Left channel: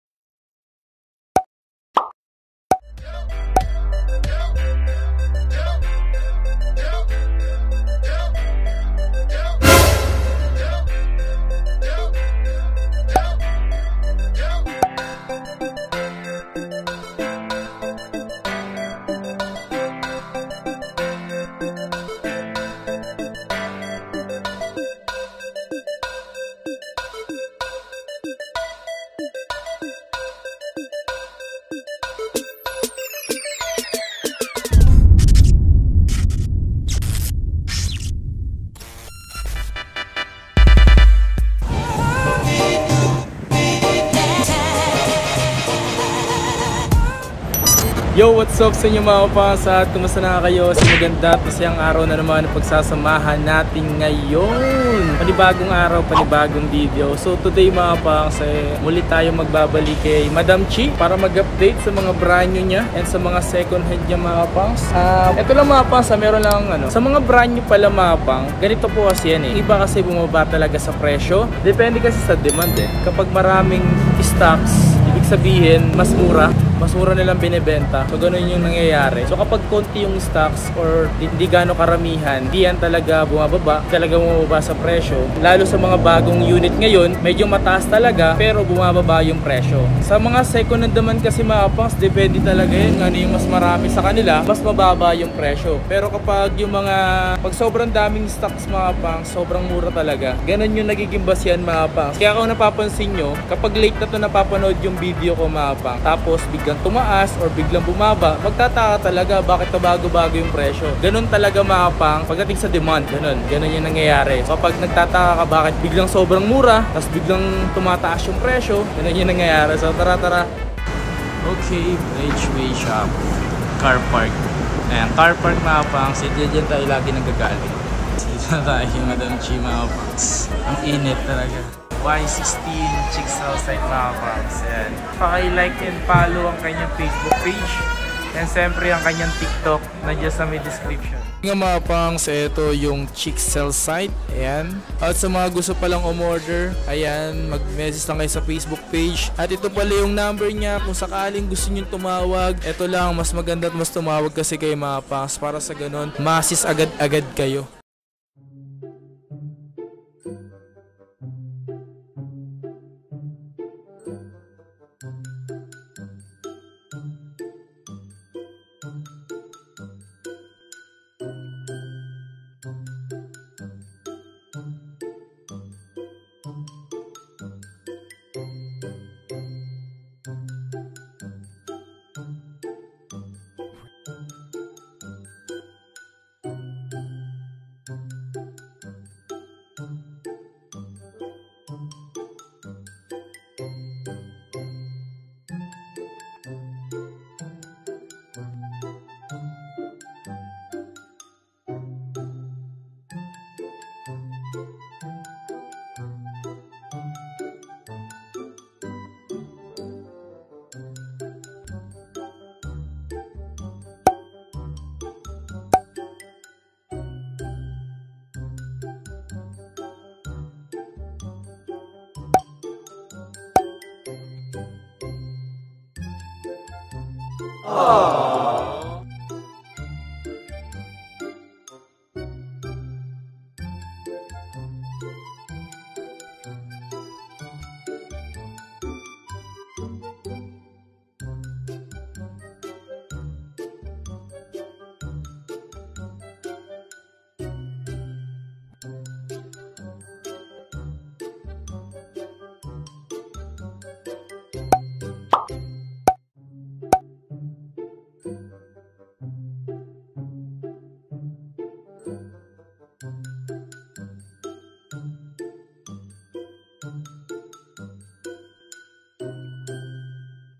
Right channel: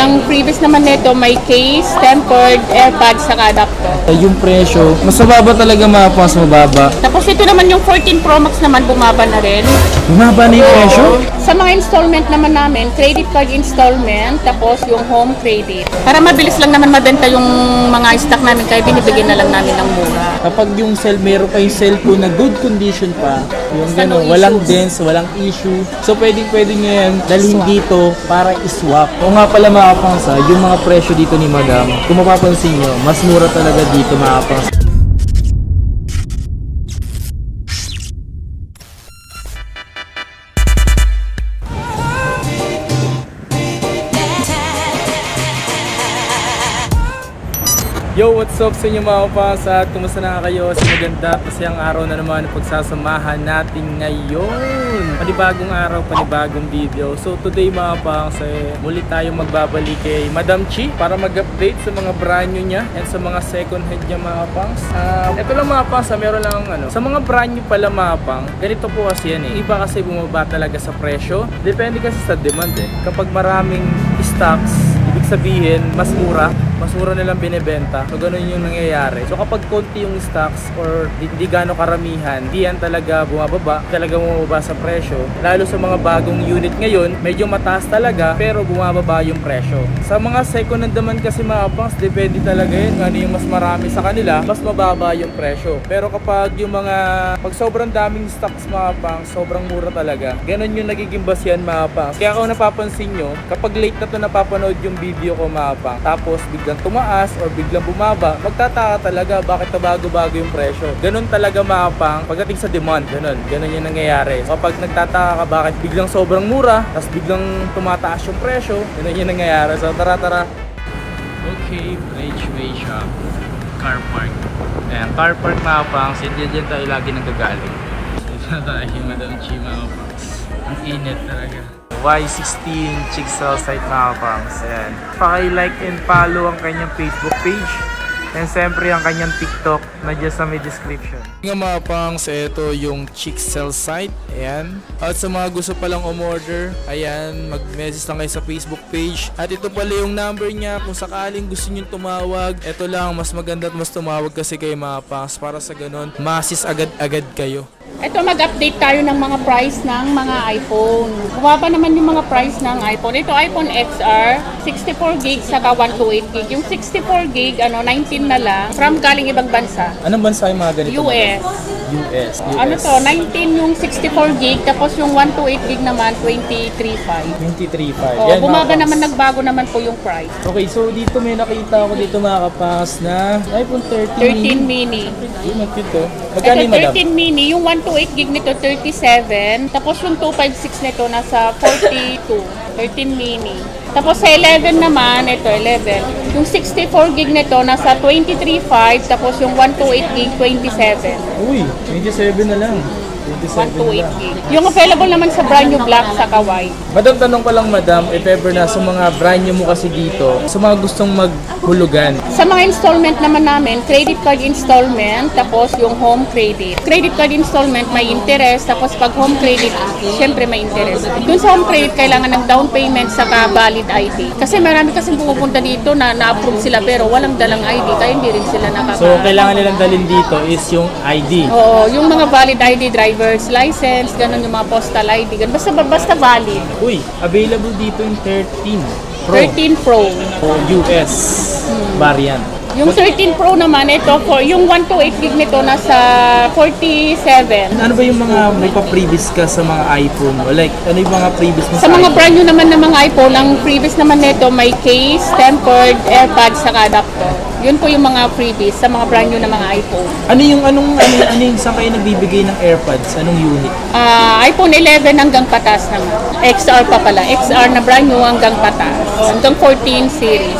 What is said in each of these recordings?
Ang previous naman nito may case, tempered, AirPods, saka adapter. Yung presyo, mas mababa talaga mas mababa. Tapos ito naman yung 14 Pro Max naman bumaba na rin. Bumaba na yung presyo? Sa mga installment naman namin, credit card installment, tapos yung home credit. Para mabilis lang naman mabenta yung mga stock namin, kaya binibigyan na lang namin ng mura. Kapag yung meron kayong cellphone na good condition pa, yung gano'n, walang dents, walang issue. So pwede nyo yan dalhin dito para iswap. O nga pala mga kapangsa, yung mga presyo dito ni Madam, kung mapapansin nyo, mas mura talaga dito mga kapangsa. Yo, what's up sa inyo mga kapasa? Kumusta na kayo? Sa maganda at masayang araw na naman ang pagsasamahan natin ngayon. Panibagong araw, panibagong video. So today mga kapasa, muli tayo magbabalik kay Madam Chi para mag-update sa mga brand new niya and sa mga second hand niya mga kapasa. Ito lang mga kapasa, meron lang sa mga brand new pala mga kapang, ganito po kasi yan eh. Iba kasi bumaba talaga sa presyo. Depende kasi sa demand eh. Kapag maraming stocks, ibig sabihin mas mura nilang binibenta. So ganun yung nangyayari. So kapag konti yung stocks or hindi gano'ng karamihan, hindi yan talaga bumababa, talaga bumababa sa presyo. Lalo sa mga bagong unit ngayon, medyo mataas talaga pero bumababa yung presyo. Sa mga second hand naman kasi mga pangs, depende talaga yun. Ano yung mas marami sa kanila, mas mababa yung presyo. Pero kapag yung pag sobrang daming stocks mga pangs, sobrang mura talaga. Ganun yung nagiging basihan mga pangs. Kaya kung napapansin nyo, kapag late na to napapanood yung video ko mga pangs, tapos biglang tumaas or biglang bumaba, magtataka talaga bakit bago-bago yung presyo. Ganun talaga mga pang pagdating sa demand. Ganun yung nangyayari. Kapag nagtataka ka bakit biglang sobrang mura, tapos biglang tumataas yung presyo, ganun yung nangyayari. So tara. Okay, Bridgeway Shop. Car park. Ayan, car park mga pang. Dyan tayo lagi nanggagaling. Dito na tayo, Madam Chi mga pangs. Ang init talaga. Y16 Chicksell site mga pangs. Ayan. Paki-like and follow ang kanyang Facebook page. And siyempre ang kanyang TikTok na dyan sa may description. Nga mga pangs, ito yung Chicksell site. Ayan. At sa mga gusto palang umorder, ayan, mag-message lang kayo sa Facebook page. At ito pala yung number niya. Kung sakaling gusto nyo tumawag, ito lang, mas maganda at mas tumawag kasi kayo mga pangs. Para sa ganun, masis agad-agad kayo. Ito, mag-update tayo ng mga price ng mga iPhone. Bumaba naman yung mga price ng iPhone. Ito, iPhone XR, 64GB saka 128GB. Yung 64GB, 19 na lang, from galing ibang bansa. Anong bansa yung mga ganito? US. Ano to, 19 yung 64GB, tapos yung 128GB naman, 23.5. 23.5. Oh, bumaba naman, nagbago naman po yung price. Okay, so dito may nakita ako dito mga kapas na iPhone 13 mini. Yung cute to. Magkano yung madam? 13 mini, yung 128GB nito 37, tapos yung 256 nito nasa 42. 13 mini. Tapos sa 11 naman, ito 11. Yung 64GB nito nasa 23.5, tapos yung 128GB 27. Uy, 27 na lang. 128GB. Yung available naman sa brand new black sa white. Madam, tanong ko lang madam, if ever na sa mga brand new mo kasi dito, sa mga gustong maghulugan. Sa mga installment naman namin, credit card installment, tapos yung home credit. Credit card installment may interest, tapos pag home credit, syempre may interest. Dun sa home credit, kailangan ng down payment saka valid ID. Kasi marami kasing pumupunta dito na na-approve sila pero walang dalang ID, kaya hindi rin sila nakaka... So, kailangan nilang dalhin dito is yung ID. Oo, yung mga valid ID, driver's license, ganun yung mga postal ID, ganun. Basta valid. Uy, available dito yung 13 Pro. 13 Pro. US variant. Yung 13 Pro naman, ito, yung 128GB nito nasa 47. Ano ba yung mga may pa-previous ka sa mga iPhone? O like, ano yung mga previous mo sa mga iPhone? Brand new naman ng mga iPhone, ang previous naman nito may case, tempered, AirPods, saka adapter. Yun po yung mga freebies sa mga brand new na mga iPhone. Ano yung saan kayo nagbibigay ng AirPods? Anong unit? iPhone 11 hanggang patas naman. XR pa pala. XR na brand new hanggang patas. Hanggang 14 series.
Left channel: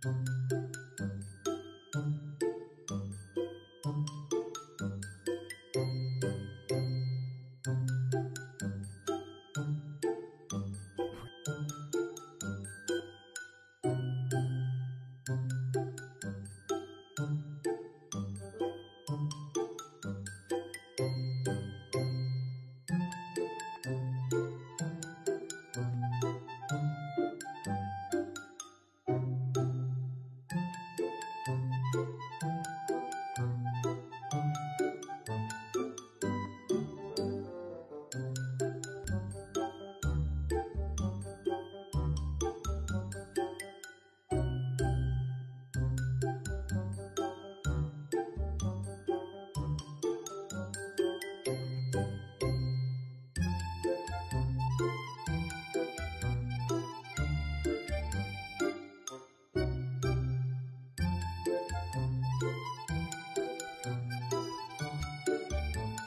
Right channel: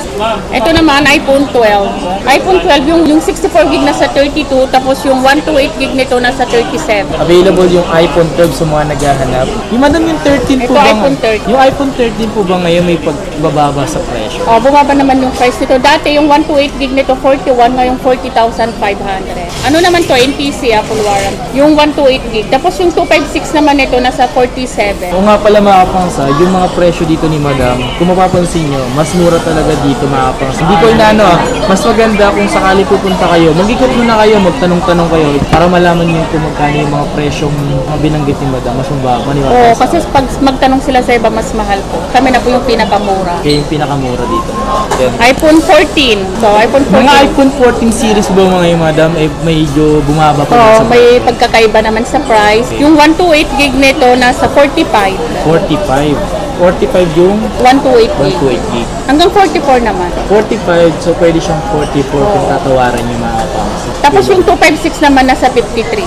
Ito naman, iPhone 12. iPhone 12, yung 64 gig nasa 32, tapos yung 128 gig nito nasa 37. Available yung iPhone 12 sa mga naghahanap. Yung madam, yung 13 po Ito, ba? iPhone 13. Yung iPhone 13 po ba ngayon may pagbababa sa presyo? Bumaba naman yung price nito. Dati yung 128 gig nito 41, ngayong 40,500. Ano naman to? NTC, full warranty. Yung 128 gig. Tapos yung 256 naman nito nasa 47. O nga pala mga kapangsa, yung mga presyo dito ni madam, kung mapapansin nyo, mas mura talaga dito mga kapangsa. Hindi ko inaano mas maganda kung sakali pupunta kayo, mag-ikot muna kayo, magtanong-tanong kayo para malaman nyo kung magkano yung mga presyong mga binanggit ni madam, mas mababa. Oo, kasi pag magtanong sila sa iba, mas mahal po. Kami na po yung pinakamura. Kaya yung pinakamura dito. Then, iPhone 14. So, iPhone 14. mga iPhone 14 series ba mga yung madam, medyo bumaba pa Oo, sa may pagkakaiba naman sa price. Yung 128 gig nito nasa 45. 45. 45 yung 128 gig. 128 gig. Hanggang 44 naman. 45, so pwede siyang 44 kung tatawaran yung mga kapangsa. Tapos yung 256 naman nasa 53.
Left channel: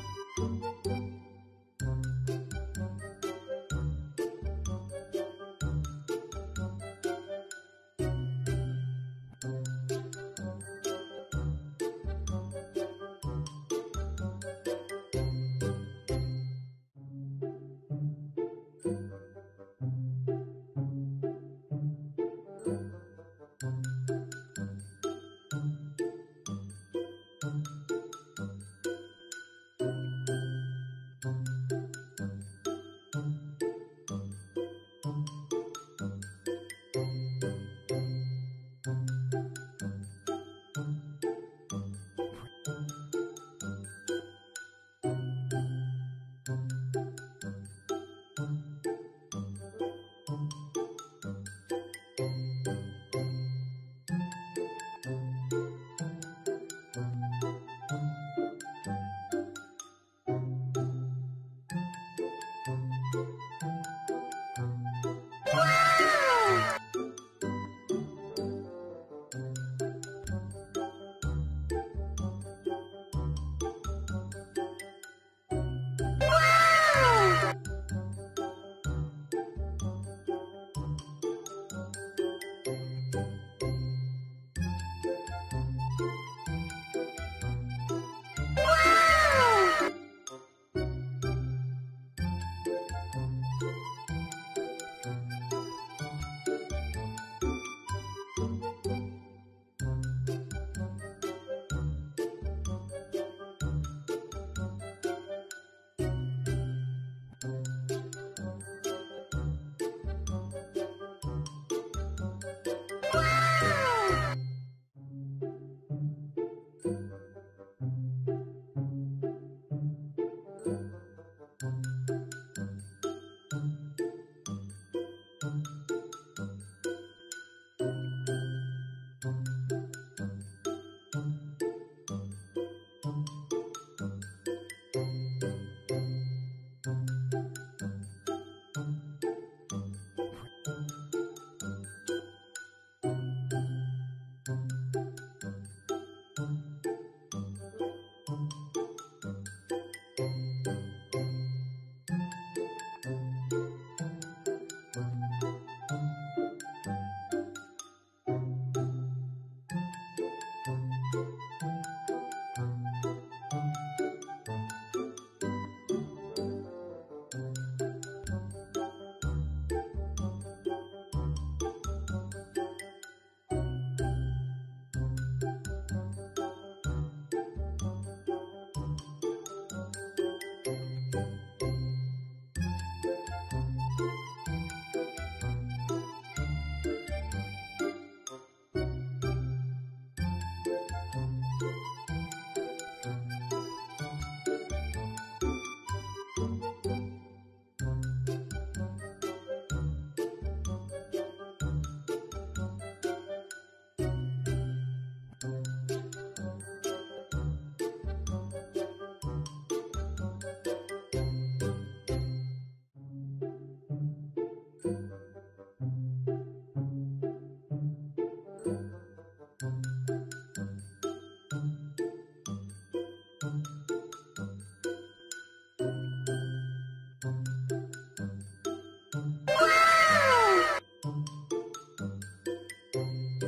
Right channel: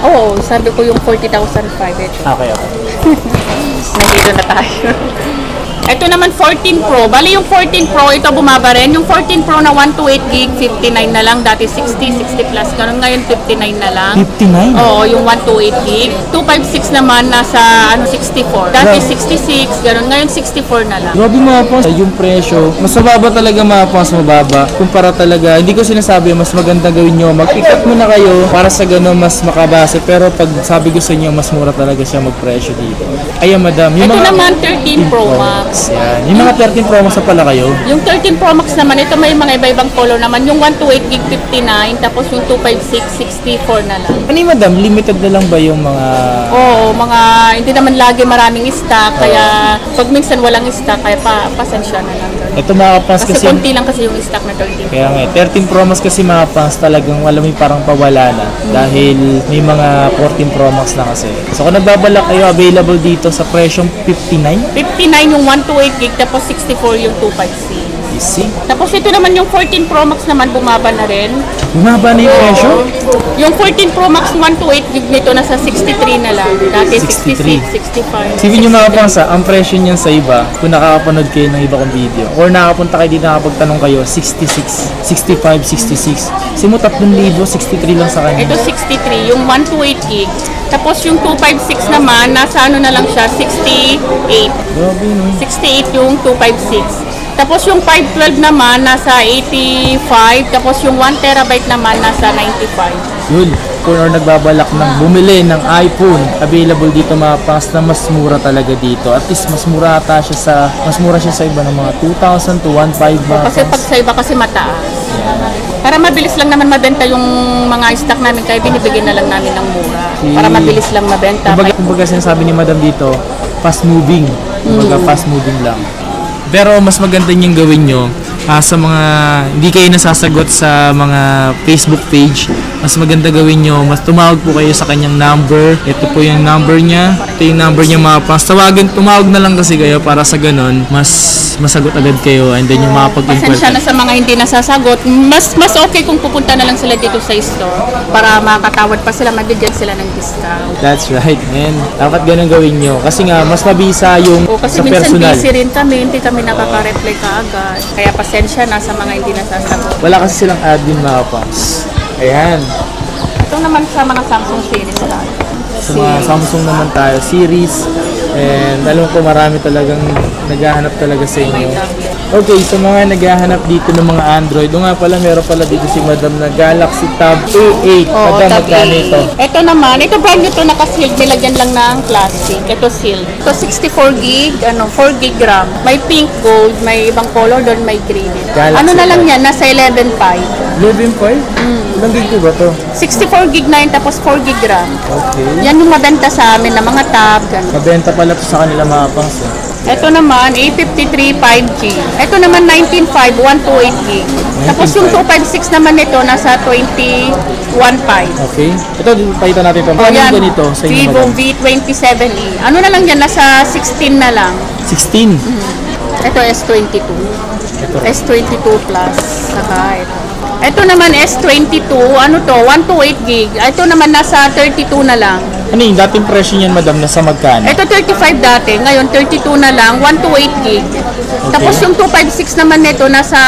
Oo, sabi ko yung 40,000 ito. Okay. Nandito na tayo. Ito naman 14 Pro. Bali yung 14 Pro, ito bumaba rin. Yung 14 Pro na 128 gig, 59 na lang. Dati 60, 60 plus. Ganun ngayon 59 na lang. 59? Oo, yung 128 gig. 256 naman nasa 64. Dati 66, ganun. Ngayon 64 na lang. Grabe mga pons, yung presyo, mas mababa talaga mga pons, mababa. Kumpara talaga, hindi ko sinasabi mas maganda gawin nyo, mag-pick muna kayo para sa gano'n mas makabase. Pero pag sabi ko sa inyo, mas mura talaga siya mag-presyo dito. Ayan madam, yung Ito mga naman 13 Pro Max. yan. Yung mga 13 Pro Max na pala kayo. Yung 13 Pro Max naman, ito may mga iba-ibang color naman. Yung 128 gig 59, tapos yung 256 64 na lang. Ano yung madam, limited na lang ba yung mga... Oo, hindi naman lagi maraming stock, kaya pag minsan walang stock, kaya pasensya na lang. Ito mga kapans Kasi kasi... konti lang kasi yung stock na 13. Kaya nga, 13 Pro Max kasi mga pans talagang alam mo parang pawala na dahil may mga 14 Pro Max na kasi. So kung nagbabalak kayo, available dito sa presyong 59. 59 yung 128 gig, tapos 64 yung 256. Easy. Tapos ito naman yung 14 Pro Max naman, bumaba na rin. Bumaba na yung presyo? Yung 14 Pro Max 128 gig nito nasa 63 na lang. Dati 66, 65. Sipin nyo mga pans, ang presyo niyan sa iba, kung nakakapanood kayo ng iba kong video, or nakapunta kayo dito nakapagtanong kayo, 66, 65, 66. Simo 3,000, 63 lang sa kanya. Ito 63, yung 128 gig. Tapos yung 256 naman, nasa ano na lang siya, 68. Grabe no. 68 yung 256. Tapos yung 512 naman, nasa 85. Tapos yung 1 terabyte naman, nasa 95. Yun, kung nagbabalak ng bumili ng iPhone, available dito mga pans na mas mura talaga dito. At least mas mura siya sa iba ng mga 2,000 to 1,500 mga Kasi pag sa iba kasi mataas. Para mabilis lang naman mabenta yung mga stock namin, kaya binibigyan na lang namin ng mura. Para mabilis lang mabenta. Kumbaga sinasabi ni madam dito, fast moving. Kumbaga fast moving lang. Pero mas maganda niyang gawin nyo sa mga hindi kayo nasasagot sa mga Facebook page. Mas maganda gawin nyo, mas tumawag po kayo sa kanyang number. Ito po yung number niya. Ito yung number niya mga pans. Tumawag na lang kasi kayo para sa ganun, mas masagot agad kayo and then yung makapag-inquire. Pasensya na sa mga hindi nasasagot. Mas okay kung pupunta na lang sila dito sa store para makatawad pa sila, mabigyan sila ng discount. That's right, man. Dapat ganun gawin nyo. Kasi nga, mas mabisa yung kasi sa minsan personal. busy rin kami, hindi kami nakaka-reply kaagad. Kaya pasensya na sa mga hindi nasasagot. Wala kasi silang admin mga pans. Ayan. Ito naman sa mga Samsung series lang. Sa mga Samsung naman tayo, series. And alam ko marami talagang naghahanap talaga sa inyo. Okay, sa mga naghahanap dito ng mga Android, nga pala meron pala dito si Madam na Galaxy Tab A8. Madam, magkano ito? Ito naman, ito brand new to, naka-sealed, nilagyan lang ng plastic. Ito sealed. Ito 64 gig, 4 gig RAM. May pink, gold, may ibang color doon, may green. Galaxy Ano na lang Tab. yan, nasa 11.5. 11.5? Ilang gig po ba to? 64 gig na yun, tapos 4 gig RAM. Okay. Yan yung mabenta sa amin na mga tab, ganun. Mabenta pala to sa kanila mga pangs. Ito naman, A53 5G. Ito naman 19.5, 128 gig. Tapos yung 256 naman nito, nasa 21.5. Okay. Ito, pakita natin ito. Paano yung ganito sa inyo, Vivo Madam? V27e. Ano na lang yan, nasa 16 na lang. 16. Ito S22. Ito. S22 Plus. Saka ito. Ito naman S22, ano to, 128 gig. Ito naman nasa 32 na lang. Ano yung dating presyo niyan, madam, nasa magkano? Ito 35 dati, ngayon 32 na lang, 128 gig. Tapos yung 256 naman nito nasa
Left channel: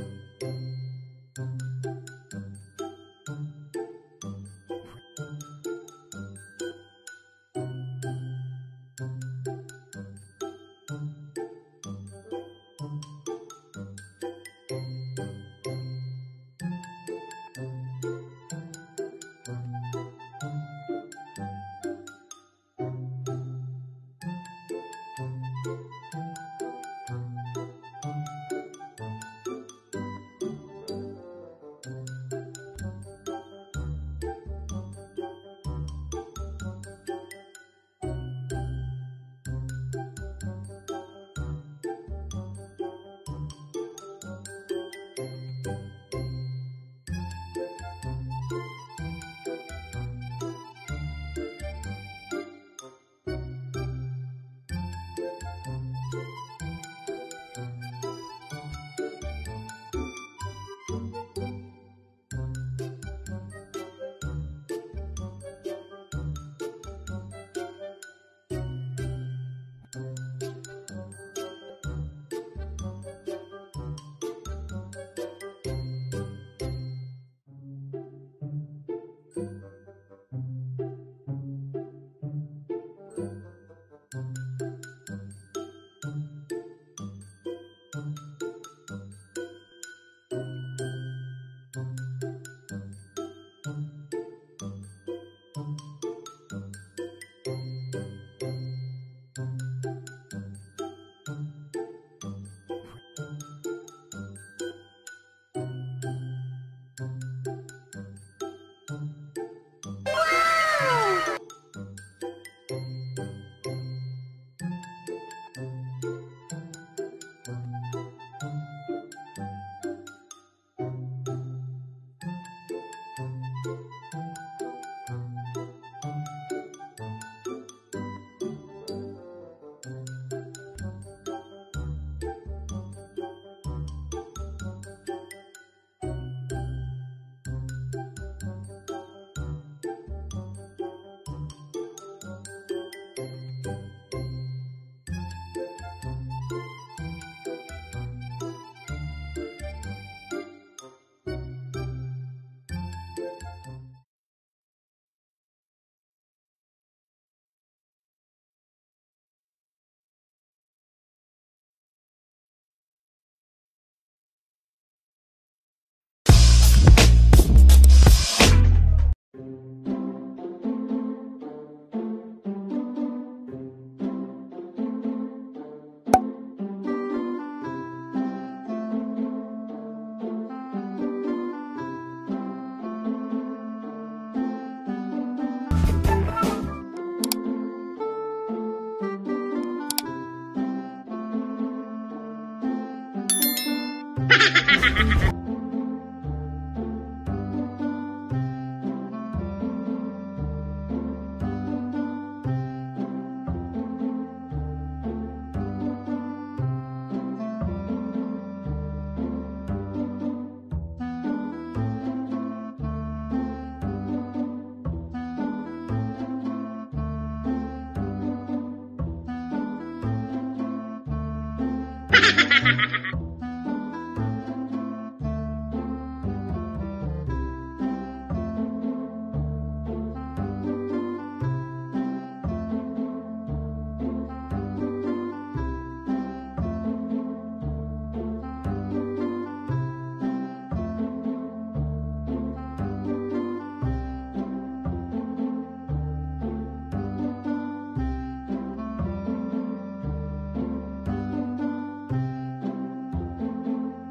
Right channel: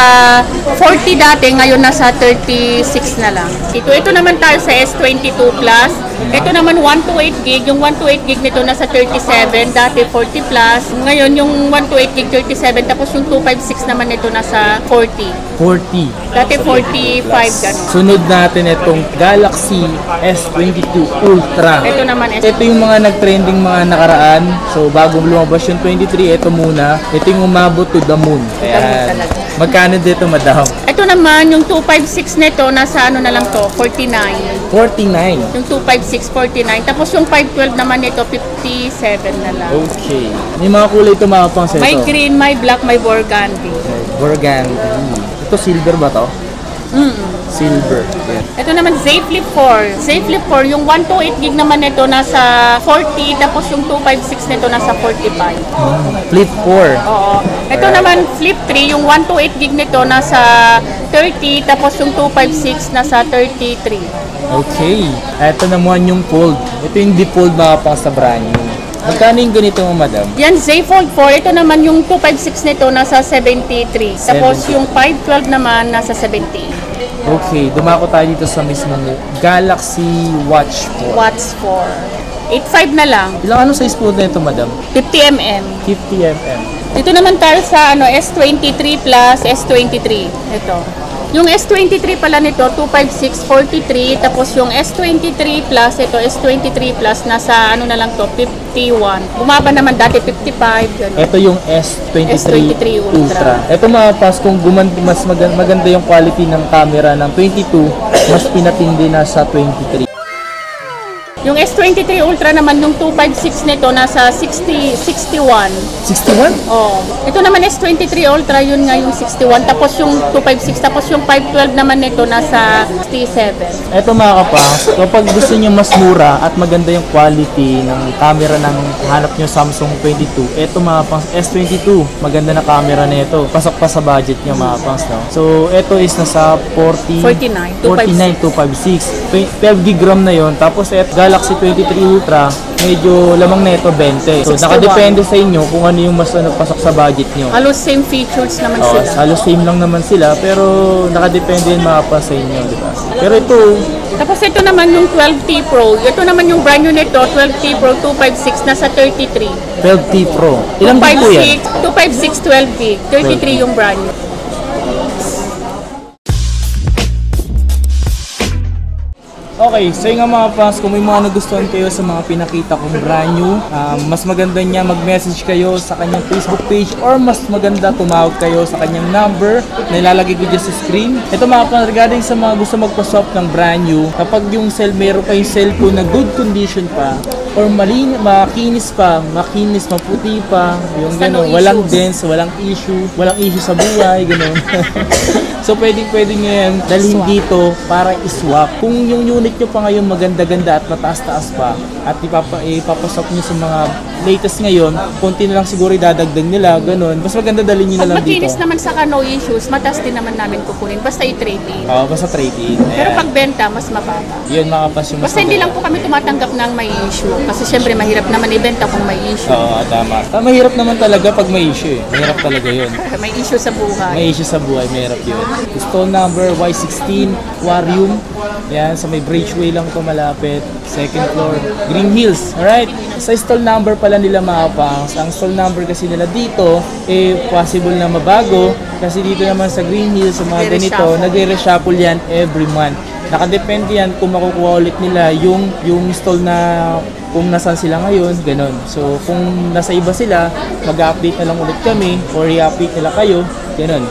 40 dati, ngayon nasa 36 na lang. Ito naman tayo sa S22 Plus. Ito naman 128 gig, yung 128 gig nito nasa 37, dati 40 plus. Ngayon yung 128 gig 37, tapos yung 256 naman nito nasa 40. 40. Dati 45 ganun. Sunod natin itong Galaxy S22 Ultra. Ito naman Ito yung mga nag-trending mga nakaraan. So bago lumabas yung 23, ito muna. Ito yung umabot to the moon. Ayan. Magkano dito, madam? Ito naman yung 256 nito nasa ano na lang to, 49. 49. Yung 256 49, tapos yung 512 naman nito 57 na lang. Okay. May mga kulay ito, mga pang seto. May green, may black, may burgundy. Burgundy. Ito silver ba to? Silver. Yeah. Ito naman Z Flip 4. Z Flip 4, yung 128 gig naman nito nasa 40, tapos yung 256 nito nasa 45. Flip 4. Oo. Ito naman Flip 3, yung 128 gig nito nasa 30, tapos yung 256 nasa 33. Okay. Ito naman yung fold. Ito yung default mga pang sa brand new. Magkano yung ganito mo, madam? Yan, Z Fold 4. Ito naman yung 256 nito nasa 73. Tapos yung 512 naman nasa 78. Okay, dumako tayo dito sa mismong Galaxy Watch 4. Watch 4. 8.5 na lang. Ilang ano size po na ito, madam? 50mm. 50mm. Dito naman tayo sa S23 plus S23. Ito. Yung S23 pala nito, 256, 43. Tapos yung S23 plus, ito S23 plus, nasa ano na lang to, 51. Bumaba naman dati, 55. Ganun. Ito yung S23 Ultra. Ito mga pas, kung mas maganda yung quality ng camera ng 22, mas pinatindi na sa 23. Yung S23 Ultra naman, yung 256 nito, nasa 61. 61? Oh. Ito naman S23 Ultra, yun nga yung 61. Tapos yung 256, tapos yung 512 naman nito, nasa 67. Ito mga kapas, kapag gusto niyo mas mura at maganda yung quality ng camera ng hanap niyo Samsung 22, ito mga pang S22, maganda na camera na ito. Pasok pa sa budget niyo mga pangs, no? So, ito is nasa 49, 256. 12 gig RAM na yon. Tapos Galaxy 23 Ultra, medyo lamang na ito 20. So, 61. nakadepende sa inyo kung ano yung mas pasok sa budget nyo. Halos same features naman Oh, sila. halos same lang naman sila, pero nakadepende yung mga pa sa inyo, di ba? Pero ito, Tapos ito naman yung 12T Pro. Ito naman yung brand new nito, 12T Pro 256, nasa 33. 12T Pro. Ilang gig po yan? 256, 12 gig. 33 yung brand new. Okay, so yung mga fans, kung may mga nagustuhan kayo sa mga pinakita kong brand new, mas maganda niya mag-message kayo sa kanyang Facebook page or mas maganda tumawag kayo sa kanyang number na ilalagay ko dyan sa screen. Ito mga fans, regarding sa mga gusto magpa-swap ng brand new, kapag yung meron pa yung cellphone na good condition pa, or makinis pa, maputi pa, yung gano'n, walang dents, walang issue sa buhay, gano'n. So pwede nyo yan dalhin dito para iswap. Kung yung unit nyo pa ngayon maganda-ganda at mataas-taas pa at ipapasok nyo sa mga latest ngayon, konti na lang siguro idadagdag nila, ganun. Mas maganda dalhin nyo na lang Pag dito. makinis naman saka no issues, mataas din naman namin kukunin. Basta i-trade in. Oo, basta trade-in. Pero pag benta, mas mababa. Yun mga kapas yung mas Basta hindi lang po kami tumatanggap ng may issue. Kasi syempre mahirap naman ibenta kung may issue. Oo, tama. Mahirap naman talaga pag may issue eh. Mahirap talaga yun. May issue sa buhay. May issue sa buhay, mahirap yun. Stall number Y16, Aquarium. Yan, sa may Bridgeway lang ito malapit. Second floor, Green Hills. Alright, sa stall number pala nila mga pangs. Ang stall number kasi nila dito, possible na mabago. Kasi dito naman sa Green Hills, sa mga ganito, nagre-reshuffle yan every month. Nakadepende yan kung makukuha ulit nila yung stall na kung nasan sila ngayon, ganun. So, kung nasa iba sila, mag-update na lang ulit kami or i-update nila kayo, ganun.